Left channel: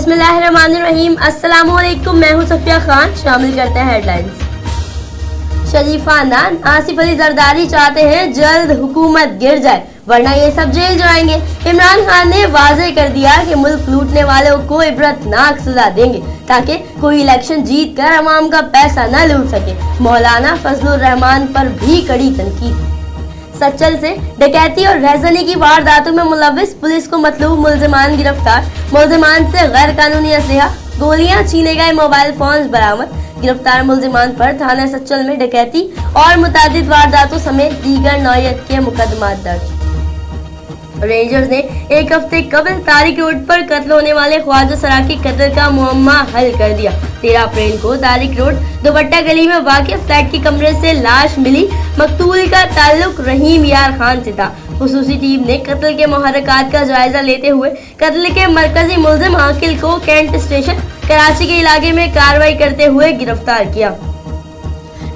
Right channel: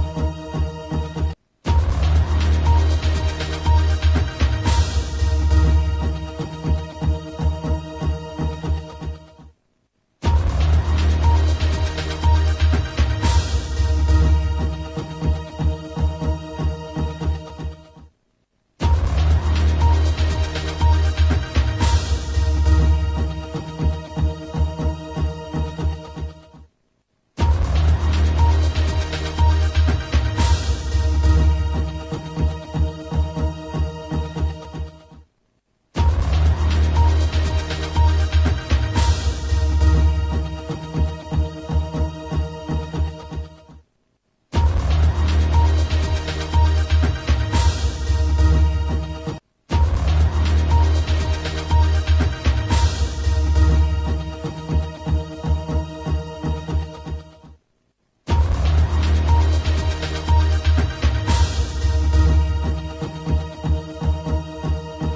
बिस्मिल्लाहिर्रहमानिर्रहीम। अस्सलाम वालेकुम, मैं हूं सफिया खान। शामिल करते हैं हेडलाइंस। शरीफ खानदान आसिफ अली जरदारी चाहते हैं जल्द हुकूमत गिर जाए वरना ये सब जेल जाएंगे। इमरान खान ने वाज़ेह कर दिया कि मुल्क लूटने वालों को इबरतनाक सजा देंगे ताकि कोई इलेक्शन जीत कर अवाम का पैसा न लूट सके। मौलाना फजलुर रहमान पर भी कड़ी तनकीद। सच्चल से डकैती और रहजनी की वारदातों में मुलव्विस पुलिस को मतलूब मुल्जिमान गिरफ्तार। मुल्जिमान से गैर कानूनी असलहा, गोलियां, छीने गए मोबाइल फोन बरामद। गिरफ्तार मुल्जिमान पर थाना सच्चल में डकैती और मुतादिद वारदातों समेत दीगर नौयत के मुकदमा दर्ज। रेंजर्स ने एक हफ्ते कबल तारिक रोड पर कत्ल होने वाले ख्वाजा सरा के कत्ल का मुअम्मा हल कर दिया। 13 अप्रैल को तारिक रोड दुपट्टा गली में वाक़िअ फ्लैट के कमरे से लाश मिली। मकतूल का ताल्लुक रहीम यार खान से था। खुसूसी टीम ने कत्ल के मुहर्रकात का जायजा लेते हुए कत्ल के मरकजी मुल्जिम आकिल को कैंट स्टेशन कराची के इलाके में कार्रवाई करते हुए गिरफ्तार किया।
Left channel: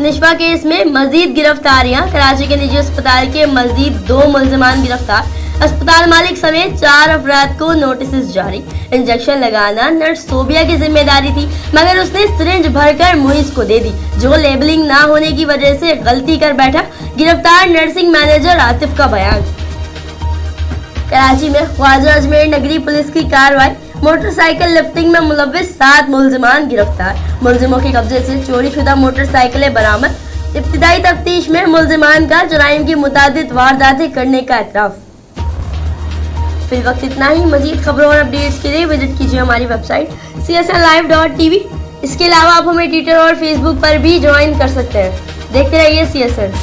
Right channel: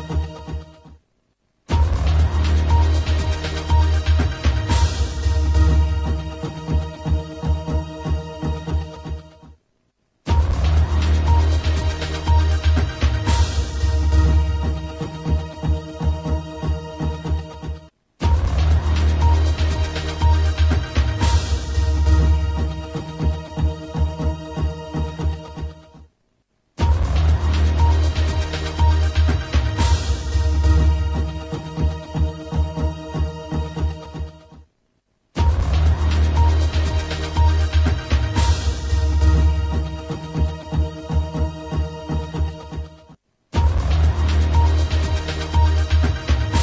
निशवा केस में मजीद गिरफ्तारियां। कराची के निजी अस्पताल के मजीद 2 मुल्जिमान गिरफ्तार। अस्पताल मालिक समेत 4 अफराद को नोटिस जारी। इंजेक्शन लगाना नर्स सोबिया की जिम्मेदारी थी मगर उसने सिरिंज भरकर मुइज को दे दी जो लेबलिंग ना होने की वजह से गलती कर बैठा। गिरफ्तार नर्सिंग मैनेजर आतिफ का बयान। कराची में ख्वाजा अजमेर नगरी पुलिस की कार्रवाई। मोटरसाइकिल लिफ्टिंग में मुलव्विस 7 मुल्जिमान गिरफ्तार। मुल्जिमों के कब्जे से चोरी शुदा मोटरसाइकिलें बरामद। इब्तिदाई तफ्तीश में मुल्जिमान का जराइम की मुतादिद वारदातें करने का एतराफ। फिर वक्त इतना ही। मजीद खबरों और अपडेट्स के लिए विजिट कीजिए हमारी वेबसाइट csnlive.tv। इसके अलावा आप हमें ट्विटर और फेसबुक पर भी ज्वाइन कर सकते हैं। देखते रहिए CSN।